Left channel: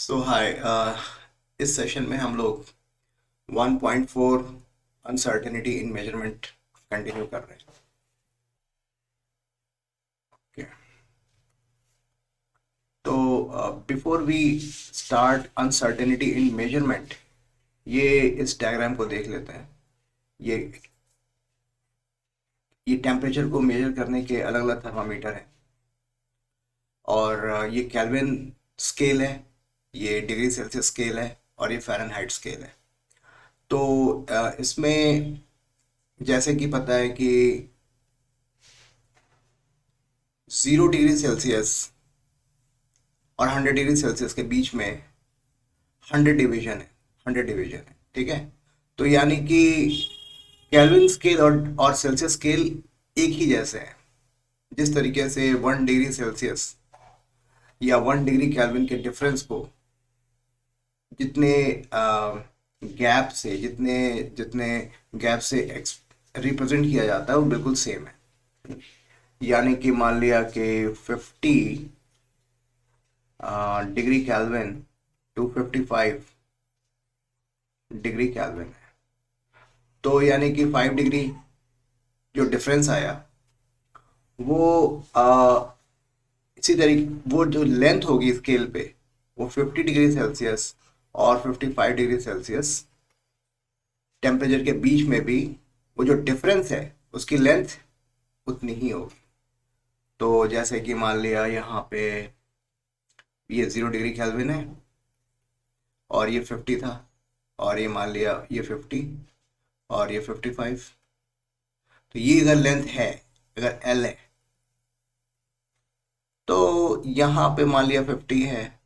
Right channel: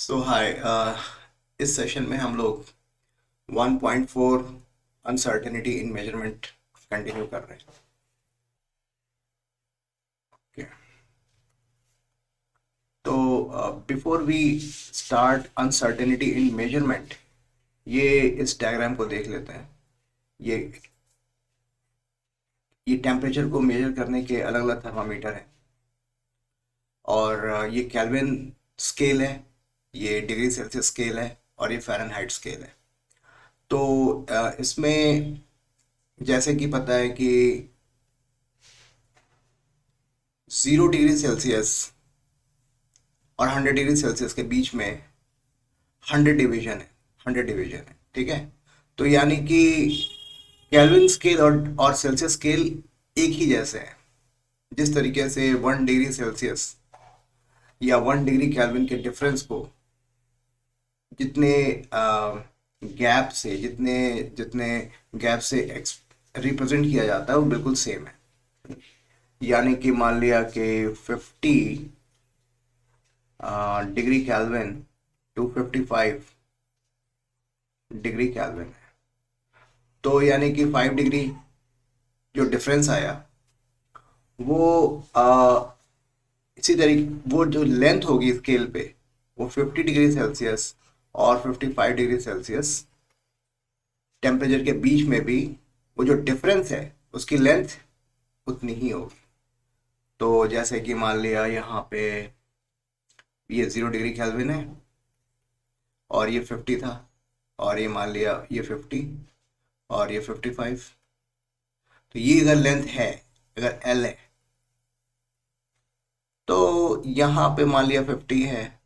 सो हाय। इस सेशन में हम लोग 1.4 अनसर्टेनिटी इन मेजरमेंट कंटिन्यू कर रहे हैं। Okay. तो before we start uncertainty in measurement, ये इस डायग्राम को देख लेते हैं। ये ये टेम्परेचर को मेजर करने के अलग अलग थर्मामीटर हैं और ये केल्विन स्केल है, ये डिग्री सेल्सियस स्केल है और ये फ़ारेनहाइट स्केल है। तो इसमें जैसे कि पता है कि 0 डिग्री सेल्सियस और 100 डिग्री सेल्सियस के बीच में 100 डिवीजन है। ठीक है। तो यानी कि केल्विन स्केल और सेल्सियस स्केल एक ही जैसे हैं। जिस तरीके से 1 डिग्री सेल्सियस या 1 डिग्री केल्विन के डिफरेंस को जितने गैप से जितने जितने गैप से रिप्रेजेंट किया जाता है वो बिल्कुल सेम है। यानी कि मान लिया कि 50 degree Kelvin to 55 degree Kelvin, तो यानी कि 5 डिग्री जो डिफरेंस आया वो इसी तरीके वो जो लेंथ होगी स्केल पे वो 50 डिग्री सेल्सियस और 55 डिग्री सेल्सियस टेम्परेचर के बीच में भी वो जो डिफरेंस है उसकी लेंथ उतनी ही होगी। तो जैसे कि मान लिया यहाँ पे ये 0 डिग्री केल्विन है और ये 50 था, और ये मान लिया ये 50 और ये 55। तो ये अगर लेंथ है, अगर एल है, तो यहाँ पे मान लिया 50 है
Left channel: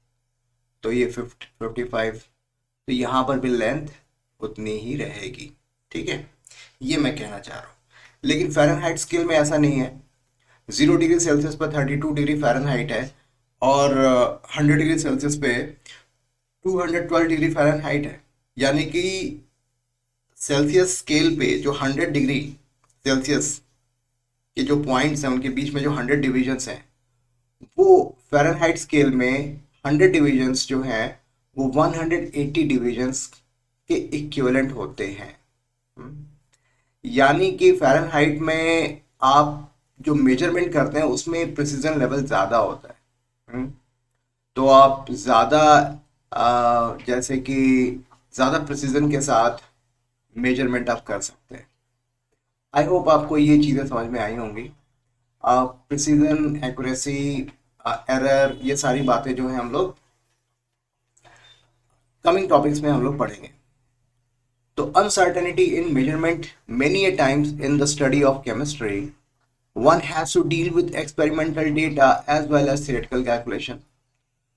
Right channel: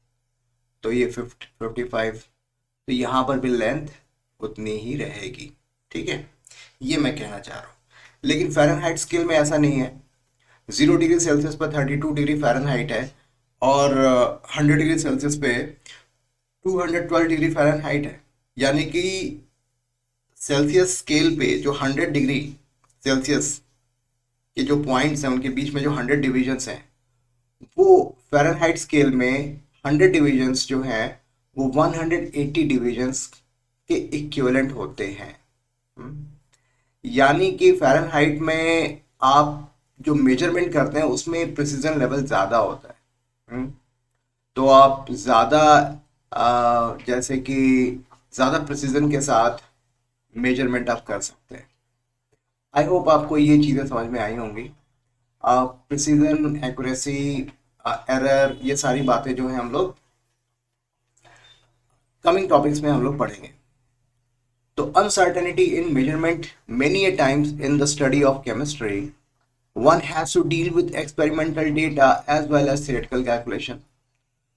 तो ये 55, तो यहाँ पर भी लेंथ उतनी ही रहेगी। ठीक है, ये मैं कहना चाह रहा हूँ। लेकिन फ़ारेनहाइट स्केल में ऐसा नहीं है। 0 डिग्री सेल्सियस पर 32 डिग्री फ़ारेनहाइट है और 100 डिग्री सेल्सियस पे 212 डिग्री फ़ारेनहाइट है। यानी कि सेल्सियस स्केल पे जो 100 डिग्री सेल्सियस के जो पॉइंट्स हैं उनके बीच में जो 100 डिविजन्स हैं, वो फ़ारेनहाइट स्केल में 100 डिविजन्स जो हैं वो 180 डिविजन्स के इक्विवेलेंट होते हैं। हम्म। यानी कि फ़ारेनहाइट में आप जो मेजरमेंट करते हैं उसमें प्रिसीजन लेवल ज़्यादा होता है। हम्म। तो आप ज़्यादा जैसे कि ज़्यादा प्रिसीजन के साथ मेजरमेंट आप कर सकते हैं। आई होप आपको ये चीज़ें समझ में आई होंगी। प्रिसीजन, एक्यूरेसी, एरर, ये सारी बातें जो हैं हम लोग कमिंग टॉपिक्स में हम लोग पढ़ेंगे। तो uncertainty in measurement, many a times in the study of chemistry one has to deal with experimental data as well as theoretical calculation।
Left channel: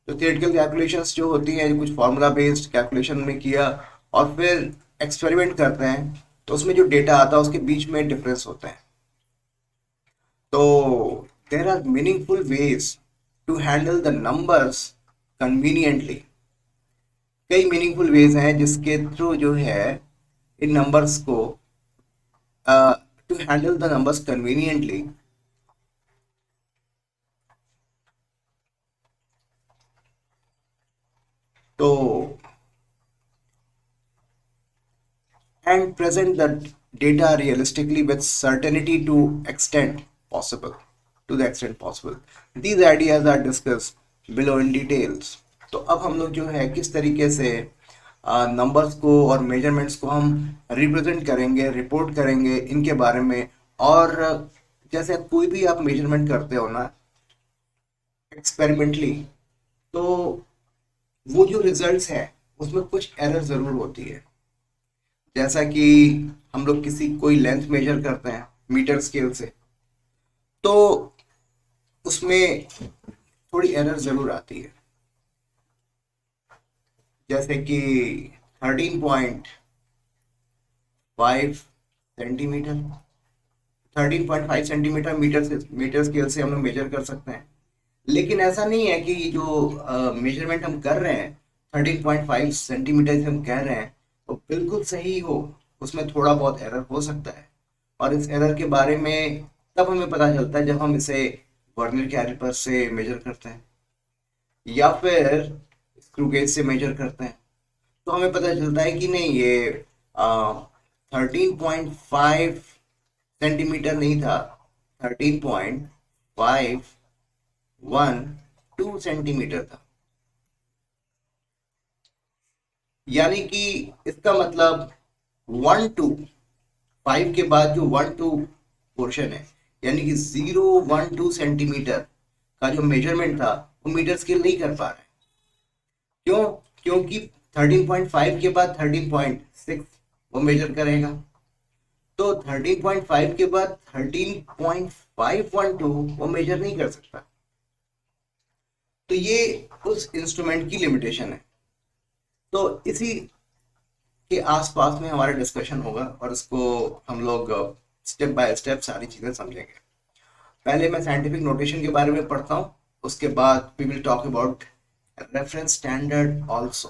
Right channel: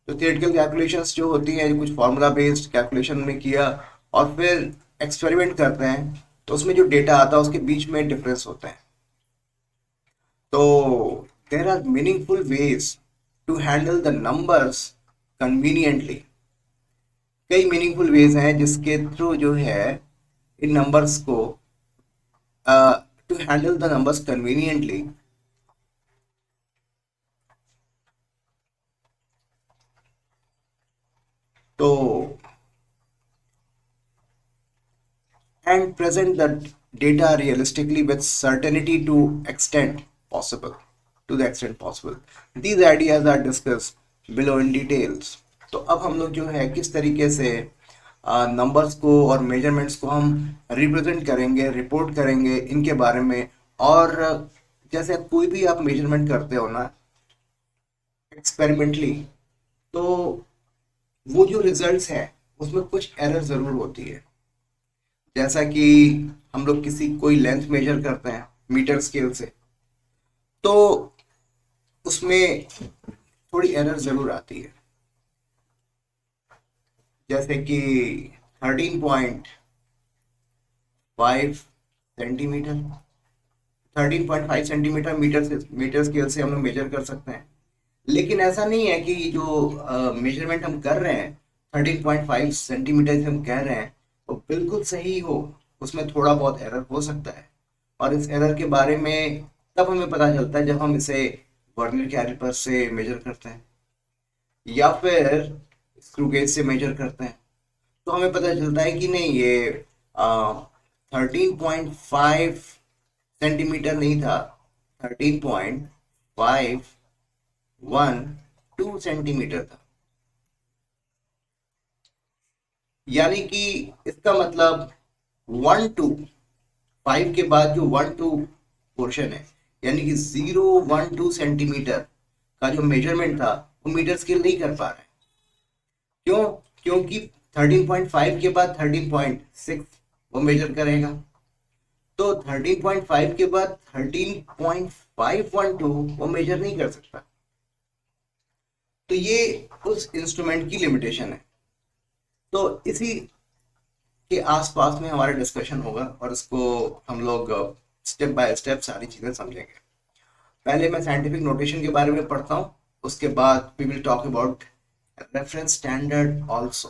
तो theoretical calculations जो होती हैं, कुछ फार्मूला बेस्ड कैलकुलेशन में किया और फिर एक्सपेरिमेंट करते हैं तो उसमें जो डेटा आता है उसके बीच में डिफरेंस होता है। तो there are meaningful ways to handle the numbers conveniently. कई मीनिंगफुल वेज हैं जिसके थ्रू जो है इन नंबर्स को to handle the numbers conveniently. तो and present the data realistically with certainty possible to the extent possible. These ideas are discussed below in details। तो अब हम लोग जो है किस तरीके से नंबर्स को और मेजरमेंट्स को हम रिप्रेजेंट करेंगे, रिपोर्ट करेंगे इनके बारे में। और जैसे कोई भी आप मेजरमेंट करते हो ना एक्सपेरिमेंटली, तो वो जो रिजल्ट्स है उसमें कुछ एरर ज़रूर होती है। जैसा कि हम लोग कोई लेंथ मेजर करते हैं मीटर स्केल से, तो उसमें थोड़ी एरर ज़रूर आती है। जैसे कि 13.5 सेंटीमीटर, 13.5 सेंटीमीटर मीटर स्केल से हम लोग मेजर कर सकते हैं। लेकिन ऐसा नहीं है कि जो मेजरमेंट हम कर रहे हैं 13.5 सेंटीमीटर से हम कह रहे हैं वो बिल्कुल सही हो। उसमें थोड़ा बहुत एरर हो सकता है और इस एरर के बारे में तब हमें पता चलता है जब हम इसे वर्नियर कैलिपर से मेजर करते हैं, या फिर स्क्रू गेज से मेजर करते हैं, तो हमें पता चलता है कि नहीं, ये 13.5 सेंटीमीटर नहीं था, 13.512 सेंटीमीटर था। यानी कि इसका मतलब 1 to 5 के बाद जो 1 to पोर्शन है, यानी कि 012 सेंटीमीटर का जो मेजरमेंट था वो मीटर स्केल नहीं कर पा रहा है। क्यों? क्योंकि 13.5 के बाद 13.6 वो मेजर करेगा, तो 13.5 के बाद 13.512 वो मेजर नहीं कर सकता। तो ये उस इंस्ट्रूमेंट की लिमिटेशन है। तो इसी के आसपास में हमारा डिस्कशन होगा और इसको हम लोग स्टेप बाय स्टेप सारी चीजें समझेंगे। पहले मैं साइंटिफिक नोटेशन के बारे में पढ़ता हूँ, उसके बाद we will talk about reference standard also.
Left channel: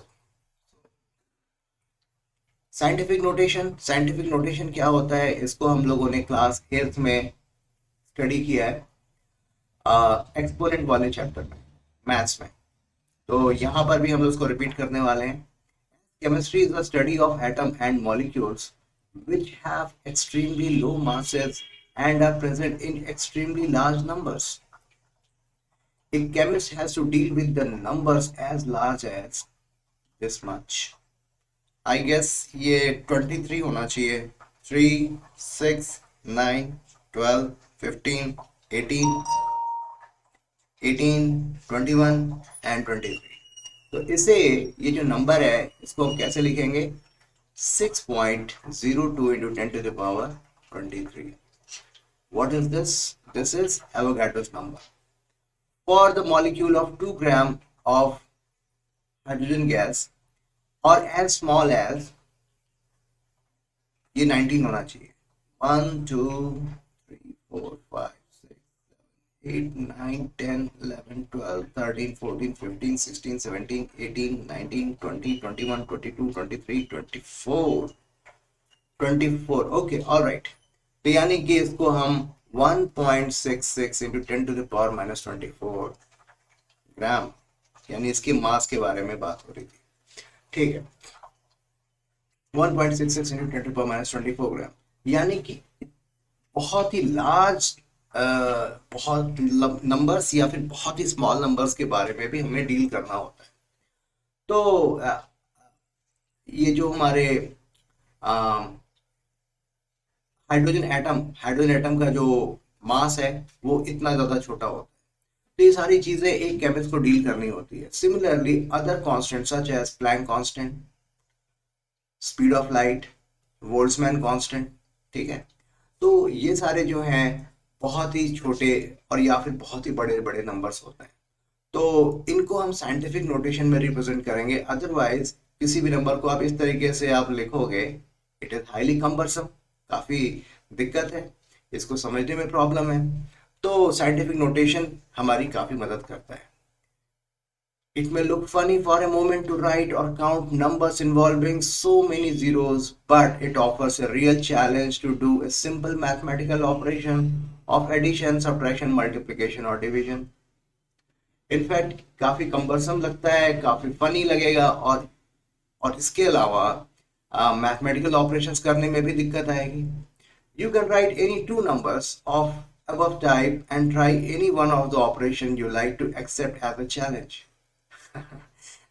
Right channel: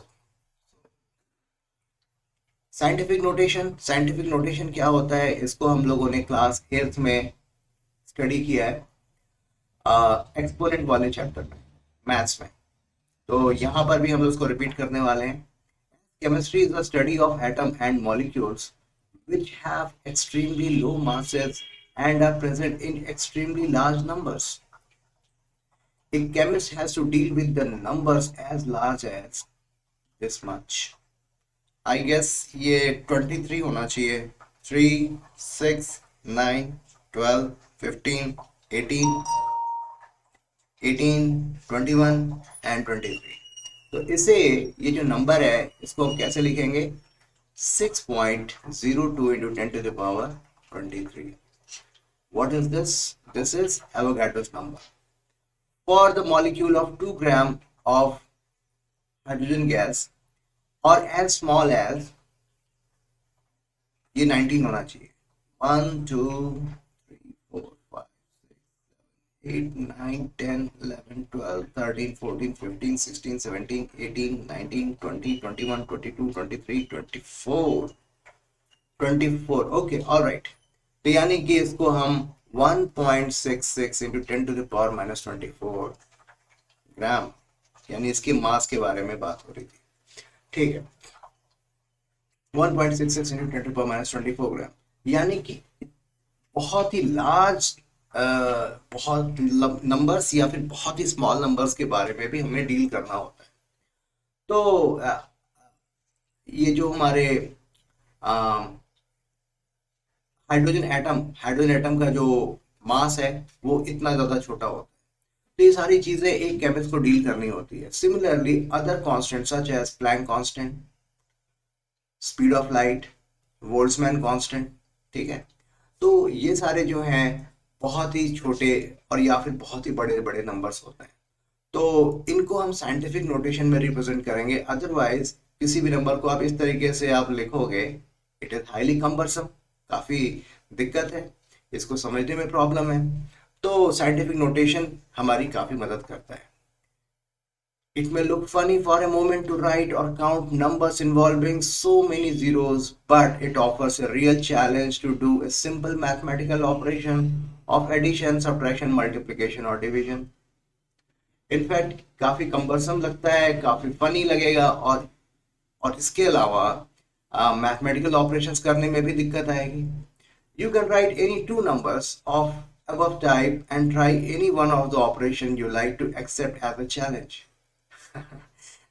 Scientific notation क्या होता है, इसको हम लोगों ने क्लास 8th में स्टडी किया है, एक्सपोनेंट वाले चैप्टर में, मैथ्स में। तो यहाँ पर भी हम लोग उसको रिपीट करने वाले हैं। Chemistry is the study of atom and molecules which have extremely low masses and are present in extremely large numbers. A chemist has to deal with the numbers as large as this much. I guess ये 23 होना चाहिए, 3, 6, 9, 12, 15, 18, 21 and 23। तो इसे, ये जो number है इसको हम कैसे लिखेंगे? 6.02 into 10 to the power 23. What is this? This is Avogadro's number. For the molecule of 2 gram of hydrogen gas or as small as, ये 19 होना चाहिए, 1 2 3 4 5 6 8 9 10 11 12 13 14 15 16 17 18 19 20 21 22 23 24 24। Okay, alright. तो यानी कि इसको हम 1.66 into 10 to the power minus 24 gram, यानी इसके मास के बारे में बात हो रही थी, ठीक है। 1.66 into 10 to power minus 24 gram, यानी कि बहुत ही लार्ज, बहुत नंबर्स या फिर बहुत ही स्मॉल नंबर्स के बारे में भी हमें डील करना होता है। तो ये जो हमारे हाइड्रोजन एटम का जो मास है वो इतना ज्यादा छोटा होता है। तो ये सारी चीजें एक केमिस्ट को डील करनी होती है। Similarly other constant such as Planck constant, speed of light, Boltzmann constant, ठीक है। तो ये सारे जो हैं बहुत ही छोटे और या फिर बहुत ही बड़े बड़े नंबर्स होते हैं, तो इनको हम साइंटिफिक नोटेशन में रिप्रेजेंट करेंगे। अदरवाइज किसी भी नंबर को आप इस तरीके से आप लिखोगे, इट इज हाईली कम्बरसम, काफी दिक्कत है, इसको समझने में प्रॉब्लम है। तो साइंटिफिक नोटेशन हमारी काफी मदद करता है। It may look funny for a moment to write or count numbers involving so many zeros, but it offers a real challenge to do a simple mathematical operation of addition, subtraction, multiplication or division. In fact, काफी cumbersome लगता है, काफी funny लगेगा, और इसके अलावा mathematical operations करने में भी दिक्कत आएगी। You can write any two numbers of above type and try any one of the operation you like to accept as a challenge.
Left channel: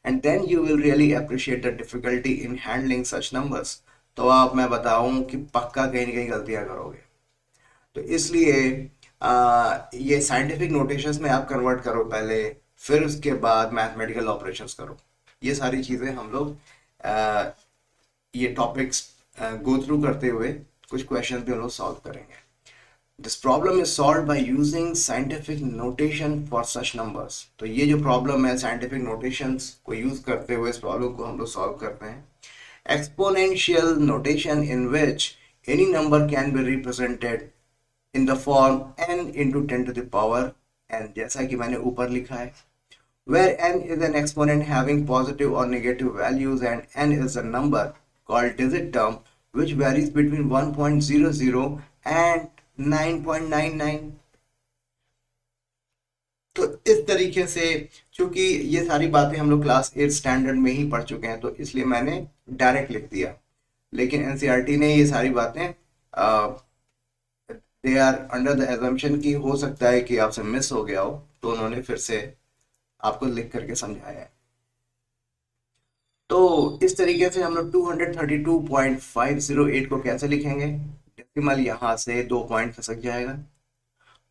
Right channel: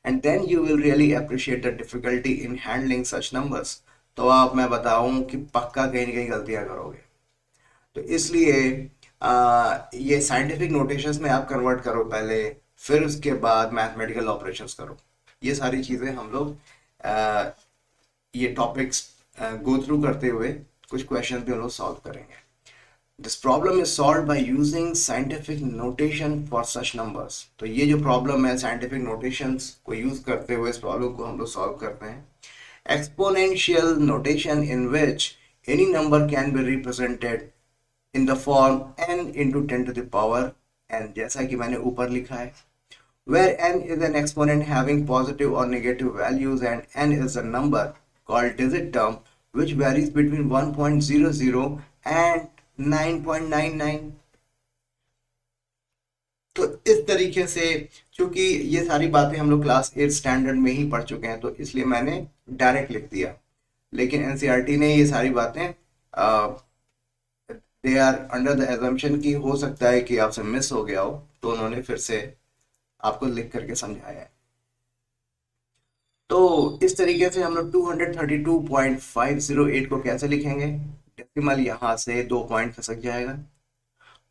And then you will really appreciate the difficulty in handling such numbers. तो आप, मैं बताऊं कि पक्का कहीं ना कहीं गलतियां करोगे। तो इसलिए ये साइंटिफिक नोटेशंस में आप कन्वर्ट करो पहले, फिर उसके बाद मैथमेटिकल ऑपरेशंस करो। ये सारी चीज़ें हम लोग ये टॉपिक्स गो थ्रू करते हुए कुछ क्वेश्चन भी हम लोग सॉल्व करेंगे। This problem is solved by using scientific notation for such numbers. तो ये जो प्रॉब्लम है, साइंटिफिक नोटेशंस को यूज करते हुए इस प्रॉब्लम को हम लोग सॉल्व करते हैं। Exponential notation in which any number can be represented in the form n into 10 to the power n, जैसा कि मैंने ऊपर लिखा है, where n is an exponent having positive or negative values and n is a number called digit term which varies between 1.00 and 9.99. तो इस तरीके से, क्योंकि ये सारी बातें हम लोग क्लास 8 स्टैंडर्ड में ही पढ़ चुके हैं, तो इसलिए मैंने डायरेक्ट लिख दिया। लेकिन एनसीईआरटी ने ये सारी बातें they are under the assumption कि हो सकता है कि आपसे मिस हो गया हो, तो उन्होंने फिर से आपको लिख करके समझाया है। तो इस तरीके से हम लोग 232.508 को कैसे लिखेंगे? डेसिमल यहाँ से 2 पॉइंट खसक जाएगा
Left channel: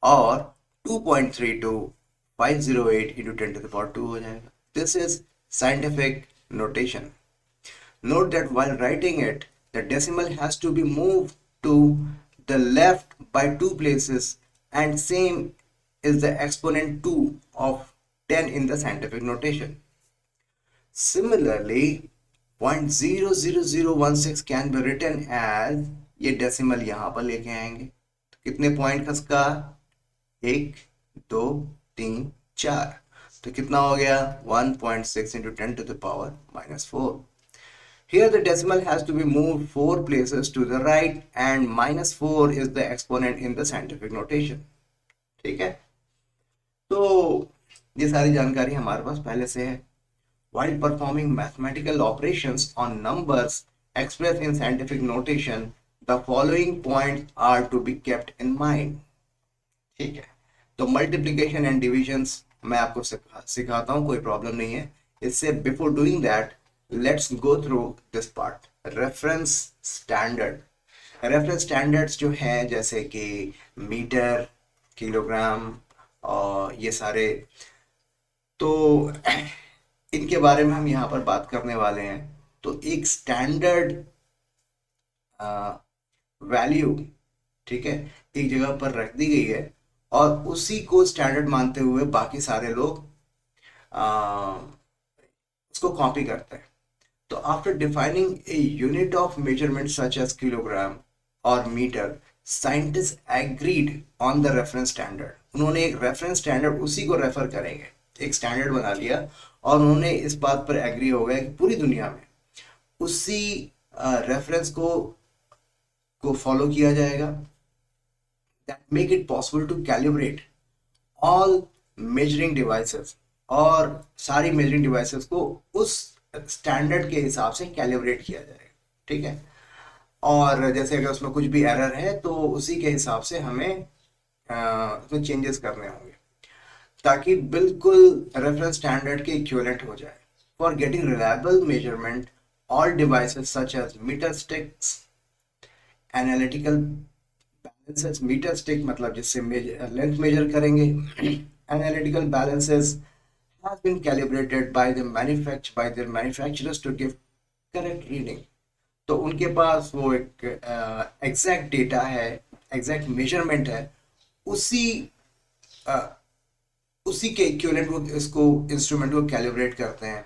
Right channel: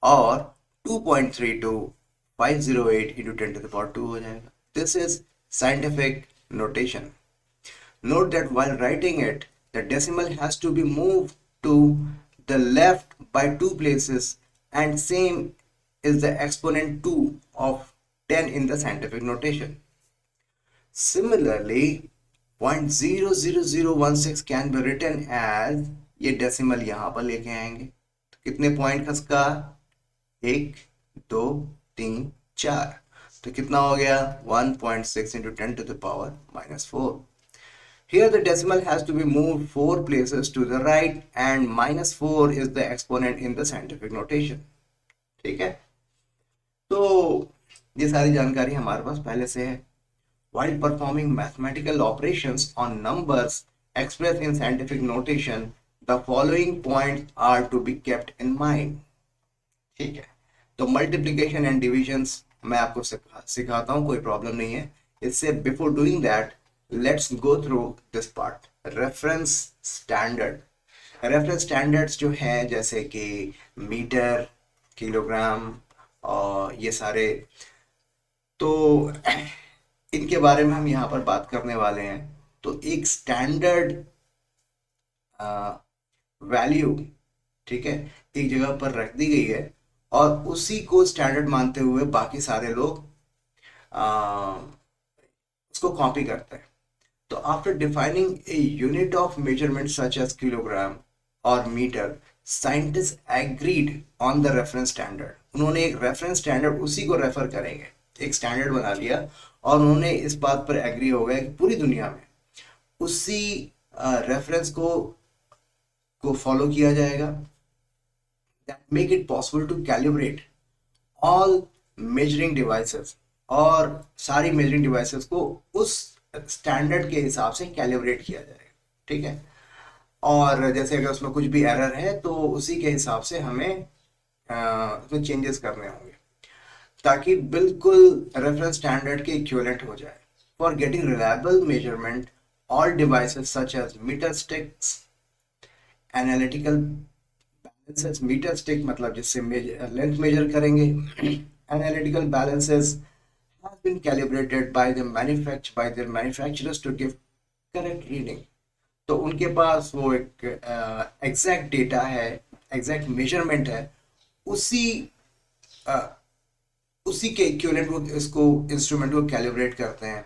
और 2.32508 इंटू 10⁻² हो जाएगा। This is scientific notation. Note that while writing it, the decimal has to be moved to the left by 2 places, and same is the exponent 2 of 10 in the scientific notation. Similarly, 0.00016 can be written as, ये decimal यहाँ पर लेके आएंगे तो कितने point खसका? 1 2 3 4, तो कितना हो गया? 1.6 into 10⁻⁻4. Here the decimal has to be moved 4 places to the right, and -4 is the exponent in the scientific notation. ठीक है, तो ये सारी जानकारी हमारे पास पहले से है. While performing mathematical operations on numbers expressed in scientific notation, the following points are to be kept in mind. ठीक है, तो मल्टीप्लिकेशन एंड डिविजन्स मैं आपको सिखाता हूँ, कोई प्रॉब्लम नहीं है. इससे before doing that, let's go through this part. Reference standard. Reference standards जो हैं जैसे कि मीटर, किलोग्राम और ये सारे, तो इनके बारे में हम यहाँ पर बात करने वाले हैं. तो एक स्टैंडर्ड वैल्यू, ठीक है, एक जगह पर रख दी गई है और उसी को स्टैंडर्ड मानते हुए बाकी सारे लोग उसको कॉपी करते हैं. तो after defining a unit of measurement such as kilogram और metre, scientist agreed on the reference standard. उन्होंने एक रेफरेंस स्टैंडर्ड, उसी को रेफर करेंगे, एक स्टैंडर्ड बना लिया और उन्होंने इस बात पर एग्री हो गए कि पूरी दुनिया में उसी रेफरेंस को फॉलो किया जाएगा. That make it possible to calibrate all measuring devices, और सारी मेजरिंग डिवाइसेस को उस स्टैंडर्ड के हिसाब से कैलिब्रेट किया जाएगा. ठीक है, और जैसे अगर उसमें कुछ भी एरर है तो उसी के हिसाब से हमें उसमें चेंजेस करने होंगे ताकि बिल्कुल रेफरेंस स्टैंडर्ड के इक्विवेलेंट हो जाए. For getting reliable measurement, all devices such as metre sticks, analytical balances, metre stick मतलब जिससे लेंथ मेजर करेंगे, analytical balances has been calibrated by their manufacturers to give correct reading. तो उनके पास वो एक एग्जैक्ट डेटा है, एग्जैक्ट मेजरमेंट है, उसी उसी के इक्विवेलेंट वो इसको इंस्ट्रूमेंट को कैलिब्रेट करते हैं,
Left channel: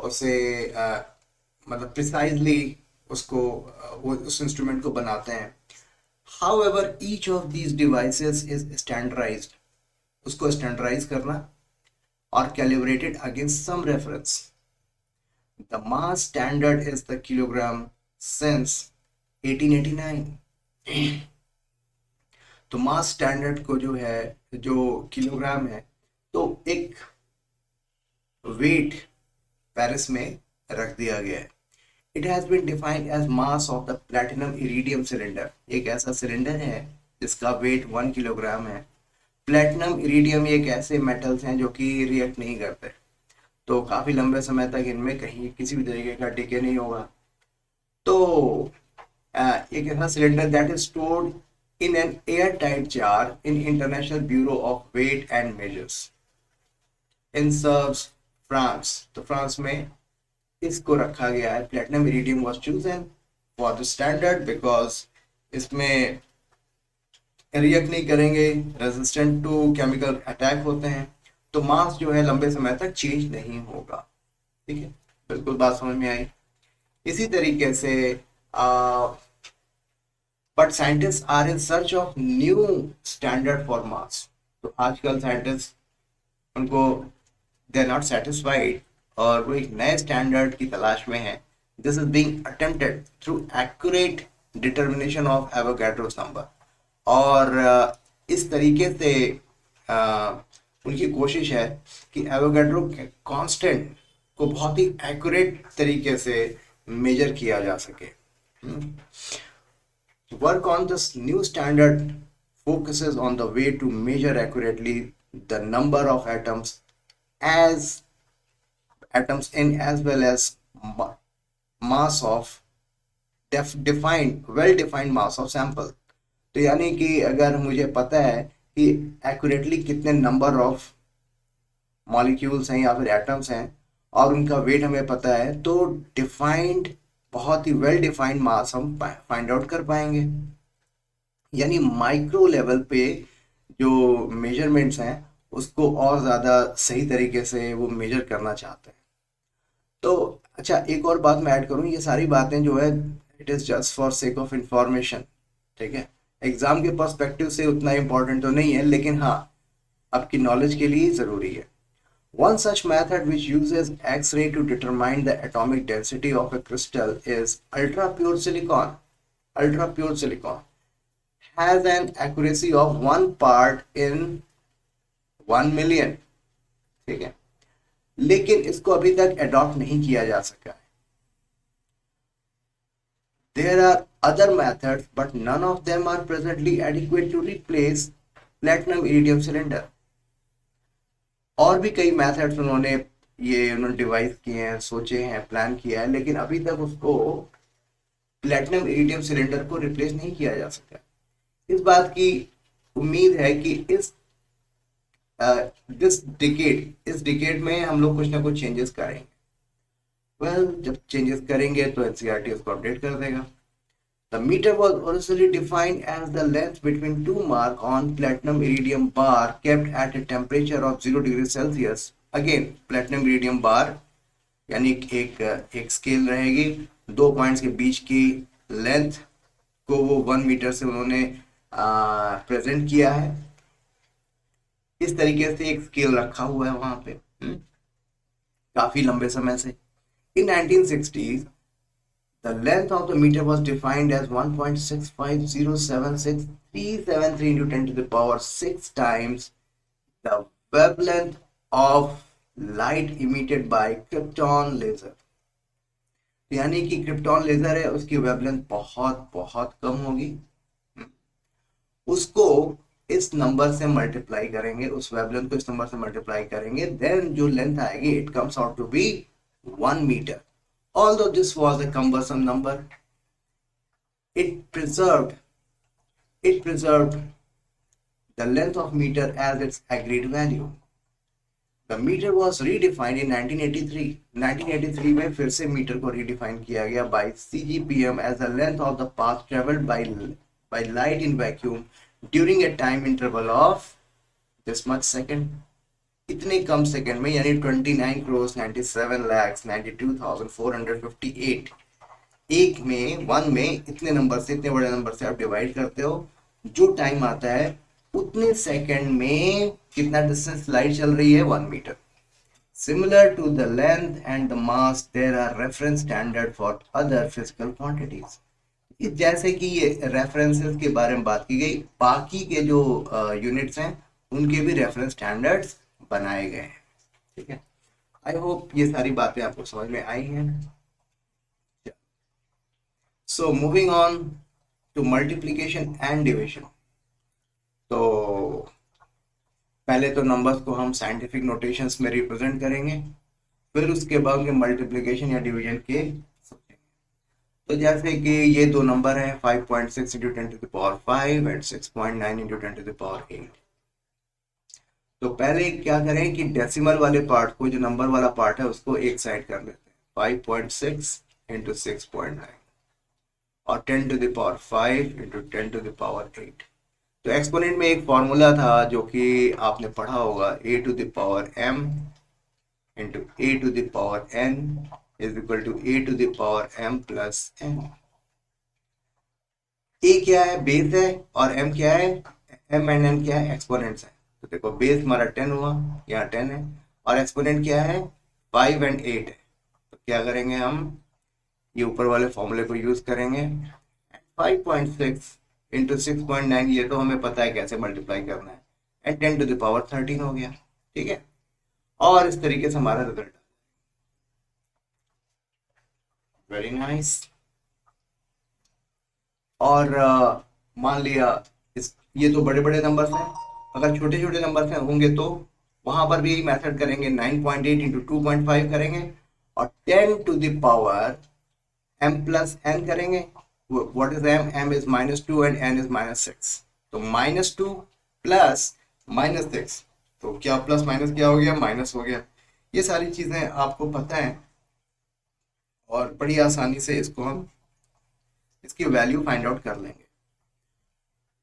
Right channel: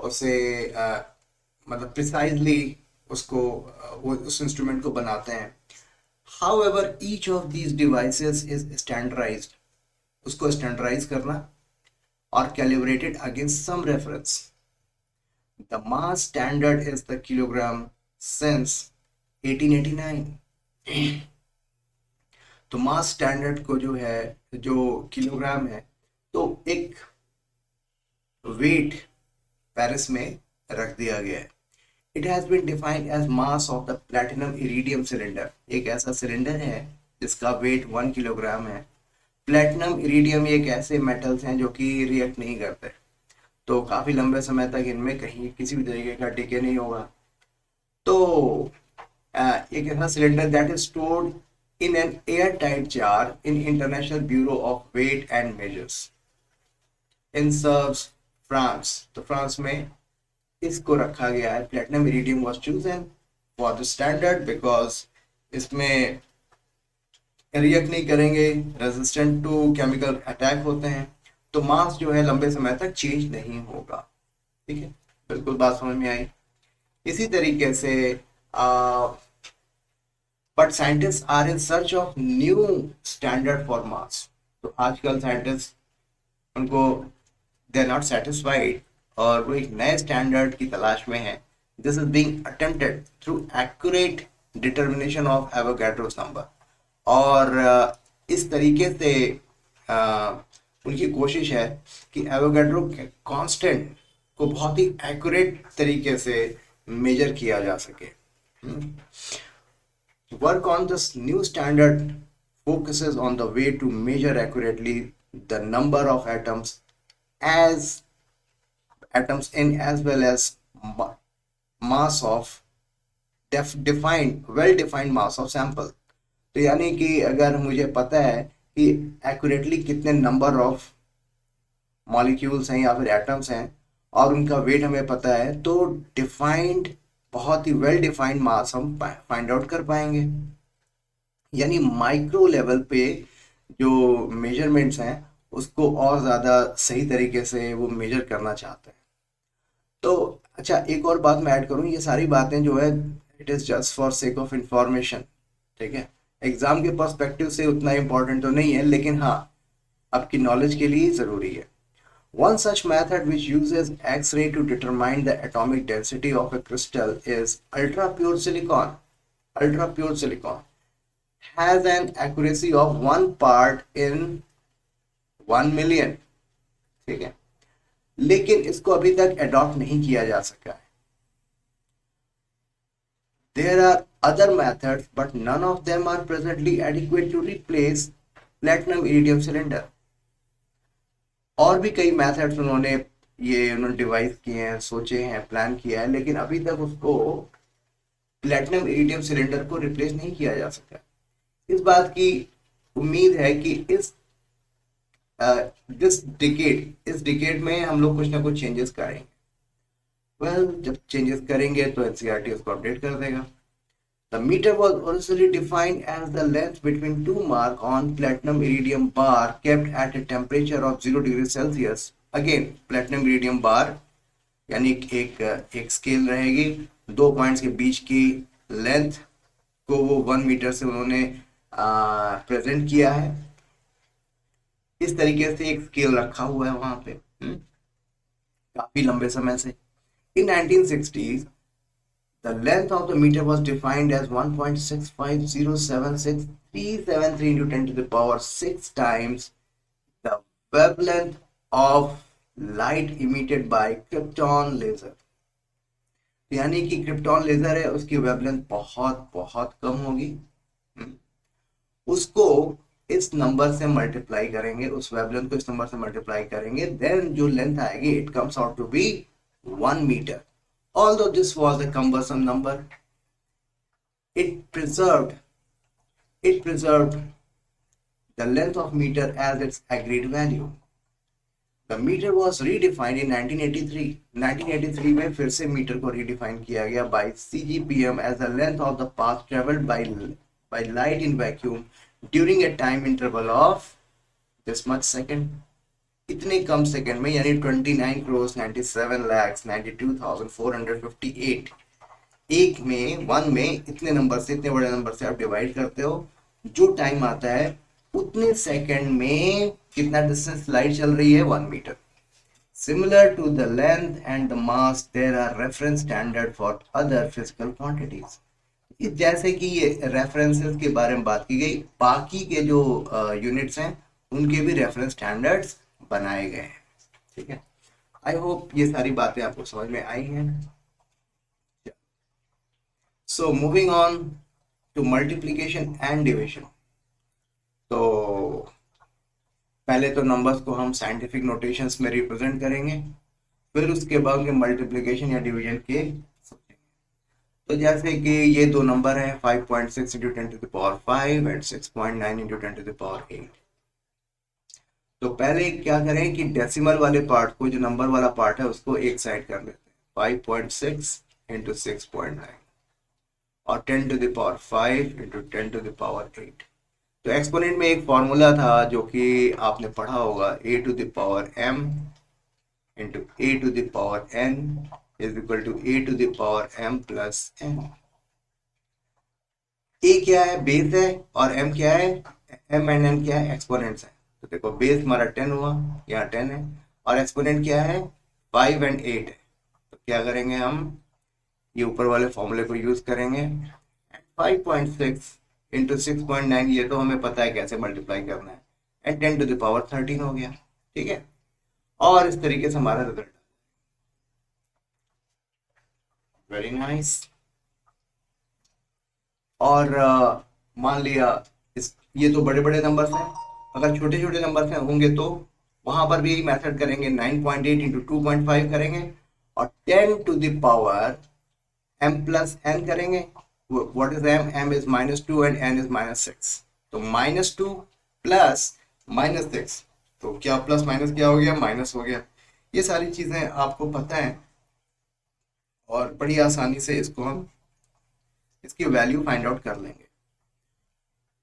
उसे मतलब प्रिसाइजली उसको वो उस इंस्ट्रूमेंट को बनाते हैं. However, each of these devices is standardized. उसको स्टैंडर्डाइज करना or calibrated against some reference. The mass standard is the kilogram since 1889. तो मास स्टैंडर्ड को जो है, जो किलोग्राम है, तो एक वेट पेरिस में रख दिया गया है. It has been defined as mass of the platinum iridium cylinder. एक ऐसा सिलेंडर है जिसका वेट 1 किलोग्राम है. प्लेटिनम इरिडियम एक ऐसे मेटल्स हैं जो कि रिएक्ट नहीं करते, तो काफ़ी लंबे समय तक इनमें कहीं किसी भी तरीके का डिके नहीं होगा. तो एक ऐसा cylinder that is stored in an air tight jar in International Bureau of Weight and Measures in Sevres France. तो फ्रांस में इसको रखा गया है. Platinum iridium was chosen for the standard because इसमें रिएक्ट नहीं करेंगे, रेजिस्टेंट टू केमिकल अटैक होते हैं, तो मास जो है लंबे समय तक चेंज नहीं होगा. ठीक है, बिल्कुल बात समझ में आई. इसी तरीके से but scientist are in search of new standard for mass. तो आजकल साइंटिस्ट उनको दे आर नॉट सेटिस्फाइड और वो एक नए स्टैंडर्ड की तलाश में है. This is being attempted through accurate determination of Avogadro's number. और इस तरीके से उनकी कोशिश है कि एवोगैड्रो कांस्टेंट को बहुत ही एक्यूरेट तरीके से मेजर किया जा सके। Work on this new standard focuses on the way to measure accurately the number of as atoms in as well as mass of defined well defined mass of sample। तो यानी कि अगर मुझे पता है कि एक्यूरेटली कितने नंबर ऑफ मॉलिक्यूल्स हैं या फिर एटम्स हैं और उनका वेट हमें पता है, तो डिफाइंड बहुत ही वेल डिफाइंड मास हम फाइंड आउट कर पाएंगे। यानी माइक्रो लेवल पे जो मेजरमेंट्स हैं उसको और ज़्यादा सही तरीके से वो मेजर करना चाहते हैं। तो अच्छा, एक और बात मैं ऐड करूँ, ये सारी बातें जो है it is just for sake of information, ठीक है। एग्जाम के पर्सपेक्टिव से उतना इम्पोर्टेंट तो नहीं है, लेकिन हाँ आपकी नॉलेज के लिए ज़रूरी है। One such method which uses X-ray to determine the atomic density of a crystal is ultra pure silicon. Ultra pure silicon has an accuracy of 1 part in 1 million, ठीक है, लेकिन इसको अभी तक अडॉप्ट नहीं किया जा सका। There are other methods, but none of them are presently adequate to replace platinum iridium cylinder. और भी कई मेथड्स उन्होंने डिवाइस किए हैं, सोचे हैं, प्लान किया है, लेकिन अभी तक उसको प्लेटिनम इरिडियम सिलेंडर को रिप्लेस नहीं किया जा सका। इस बात की उम्मीद है कि इस डिकेड में हम लोग कुछ ना कुछ चेंजेस करेंगे। जब चेंजेस करेंगे तो एनसीईआरटी उसको अपडेट कर देगा। The meter was originally defined as the length between two marks on platinum iridium bar kept at a temperature of 0 degree Celsius. Again, platinum iridium bar यानी एक स्केल रहेगी, 2 पॉइंट्स के बीच की लेंथ को वो 1 मीटर से उन्होंने प्रेजेंट किया है। इस तरीके से एक स्केल रखा हुआ है वहां पे काफी लंबे समय से। In 1960s, the length of the meter was defined as 1.65076,373 into 10 to the power 6 times the wavelength of light emitted by krypton laser। यानी कि क्रिप्टॉन लेजर है, उसकी वेवलेंथ बहुत बहुत कम होगी। उसको इस नंबर से मल्टीप्लाई करेंगे, उस वेवलेंथ को इस नंबर से मल्टीप्लाई करेंगे, देन जो लेंथ आएगी it comes out to be 1 metre. Although this was a cumbersome number, it preserved the length of meter as its agreed value. The meter was redefined in 1983. 1983 में फिर से metre को redefine किया गया by CGPM as the length of the path traveled by light in vacuum during a time interval of this much second. इतने कम second में, यानी 29,97,92,458 एक में 1 में इतने नंबर से, इतने बड़े नंबर से आप डिवाइड करते हो, जो टाइम आता है उतने सेकंड में कितना डिस्टेंस लाइट चल रही है, 1 metre. Similar to the length and the mass there are reference standard for other physical quantities. जैसे कि ये रेफरेंसेस के बारे में बात की गई, बाकी के जो यूनिट्स हैं उनके भी रेफरेंस स्टैंडर्ड्स बनाए गए हैं, ठीक है। आई होप ये सारी बातें आपको समझ में आई हैं। So moving on to multiplication and division. तो पहले तो नंबर्स को हम साइंटिफिक नोटेशंस में रिप्रेजेंट करेंगे, फिर उसके बाद में मल्टीप्लिकेशन या डिवीजन के सोचेंगे। तो जैसे कि ये दो नंबर हैं 5.6 into 10 to the power 5 and 6.9 into 10 to the power 8। तो पहले क्या करें कि डेसिमल वाले पार्ट को, जो नंबर वाला पार्ट है, उसको एक साइड कर लेते हैं। 5.6 इंटू 6.9 और 10 to the power 5 into 10 to the power 8। तो एक्सपोनेंट में एक फॉर्मूला था जो कि आपने पढ़ा होगा, a to the power m into a to the power n is equal to a to the power m plus n। a क्या है, बेस है, और m क्या है, m एंड n क्या है, एक्सपोनेंट्स है। तो देखो बेस हमारा 10 हुआ, यहाँ 10 है, और एक्सपोनेंट क्या है, 5 एंड 8 है। तो क्या करेंगे हम, ये ऊपर वाले फॉर्मूले को यूज करेंगे। 5.6 इंटू 6.9, ये तो हमें पता है कैसे मल्टीप्लाई करना है, एंड 10 टू द पावर 13 हो गया। ठीक है, और इस तरीके से हमारा रिजल्ट। Very nice. और मान लिया इस, ये तो बड़े बड़े नंबर्स हैं, अगर छोटे छोटे नंबर्स हैं होंगे तो वहां पर भी यही मेथड करेंगे, 9.8 इंटू 2.5 करेंगे और 10 to the power m plus n करेंगे। What is m? m is -2 and n is -6, तो -2 प्लस -6, तो क्या प्लस माइनस क्या हो गया? माइनस हो गया। ये सारी चीजें आपको पता है और बड़ी आसानी से इसको हम इसकी वैल्यू फाइंड आउट कर लेंगे।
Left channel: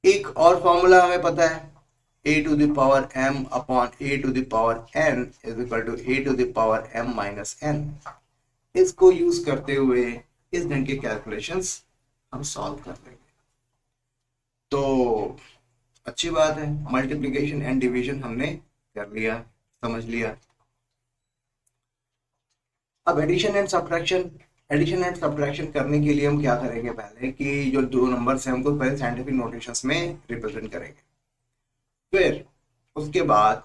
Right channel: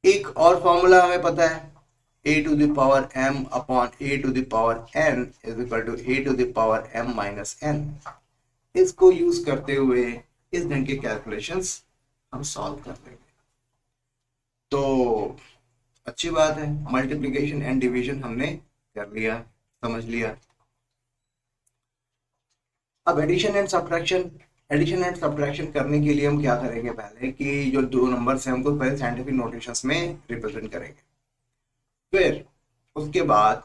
एक और फॉर्मूला हमें पता है, a⁴m upon a⁴n is equal to a⁴m-n। इसको यूज करते हुए इस ढंग के कैलकुलेशंस हम सॉल्व कर लेंगे। तो अच्छी बात है, मल्टीप्लिकेशन एंड डिवीजन हमने कर लिया, समझ लिया। अब एडिशन एंड सब्ट्रैक्शन करने के लिए हम क्या करेंगे, पहले कि जो दो नंबर्स हैं उनको पहले साइंटिफिक नोटेशंस में रिप्रेजेंट करेंगे, फिर उसके बाद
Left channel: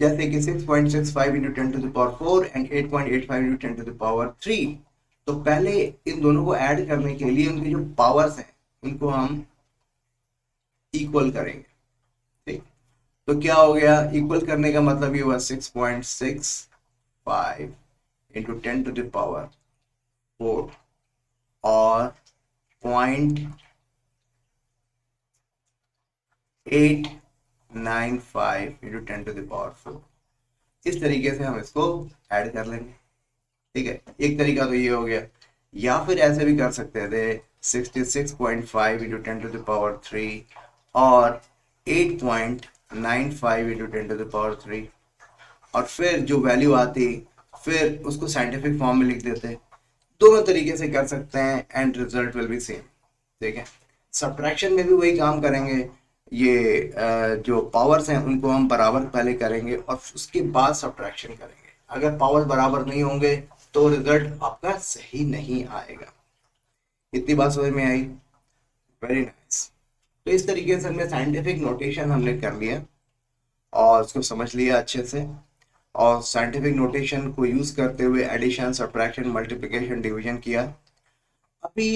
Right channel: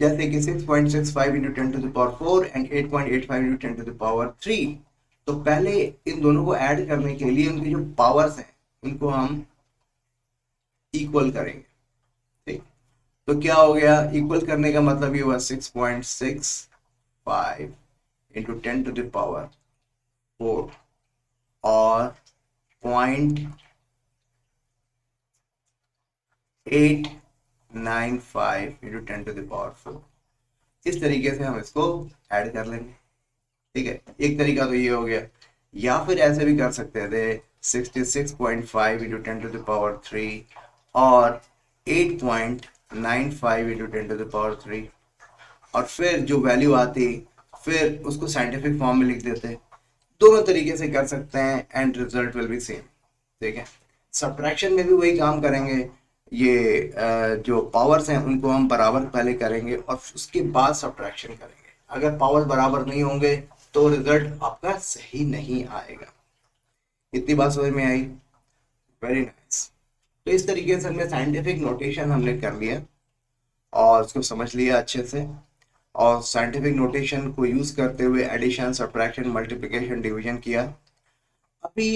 जैसे कि 6.65 इंटू 10⁴ एंड 8.85 इंटू 10⁻3, तो पहले इन दोनों को ऐड करने के लिए उनकी जो पावर्स हैं उनको हम इक्वल करेंगे। ठीक, तो क्या हो गया, इक्वल करने का मतलब ये हुआ 6.65 इंटू 10⁴ और 0.895 इंटू 10⁴। इस तरीके से हम इसको ऐड कर लेंगे। ठीक है, एक तरीका तो ये हो गया, या फिर ऐसे भी कर सकते थे 66.5 इंटू 10⁻³ और 8.95 इंटू 10⁻³ और फिर जो वैल्यू आती फिर उसको साइंटिफिक फॉर्म में लिख देते। दोनों तरीके से कर सकते हैं and result will be same. ठीक है, सब्ट्रैक्शन में भी वही काम करेंगे, ये जो पावर्स हैं उनको हम बराबर पहले करेंगे और उसके बाद सब्ट्रैक्शन करेंगे। अगर पावर्स बराबर नहीं होंगे तो रिजल्ट आपका सही नहीं आएगा। इतनी बात समझ में आई? Very nice. तो इस तरीके से हमने साइंटिफिक नोटेशन हमने कर लिया और उसको समझ लिया अच्छे से, और साइंटिफिक नोटेशन को यूज करते हुए एडिशन, सब्ट्रैक्शन, मल्टीप्लिकेशन, डिवीजन किया। अभी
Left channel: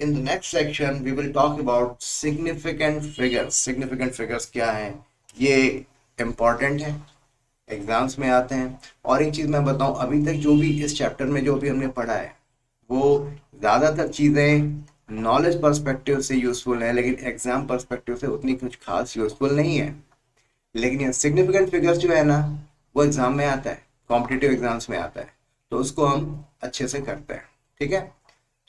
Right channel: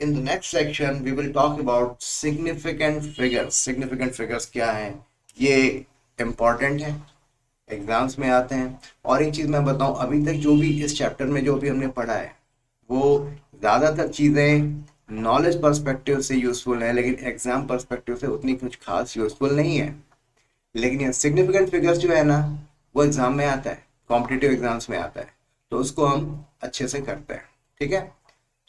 in the next section we will talk about significant figures. Significant figures क्या हैं, ये इम्पॉर्टेंट है, एग्जाम्स में आते हैं। और एक चीज़ मैं बताऊं, अभी तक जो भी इस चैप्टर में जो भी हमने पढ़ा है वो ज़्यादातर चीज़ें नॉलेज पर्सपेक्टिव से यूज़फुल है, लेकिन एग्जाम पर्सपेक्टिव से उतनी कुछ खास यूज़फुल नहीं है। लेकिन ये सिग्निफिकेंट फिगर्स जो है ना, वो एग्जाम में आता है, कॉम्पिटिटिव एग्जाम्स में आता है, तो उसको हम अच्छे से करते हैं। ठीक है,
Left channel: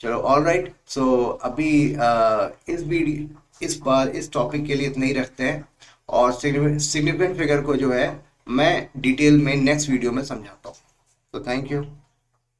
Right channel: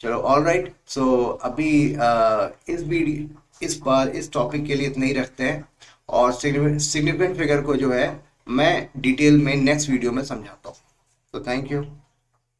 चलो ऑल राइट। सो अभी इस बार इस टॉपिक के लिए इतना ही रखते हैं, और सिग्निफिकेंट फिगर को जो है मैं डिटेल में नेक्स्ट वीडियो में समझाता हूँ। तो थैंक यू।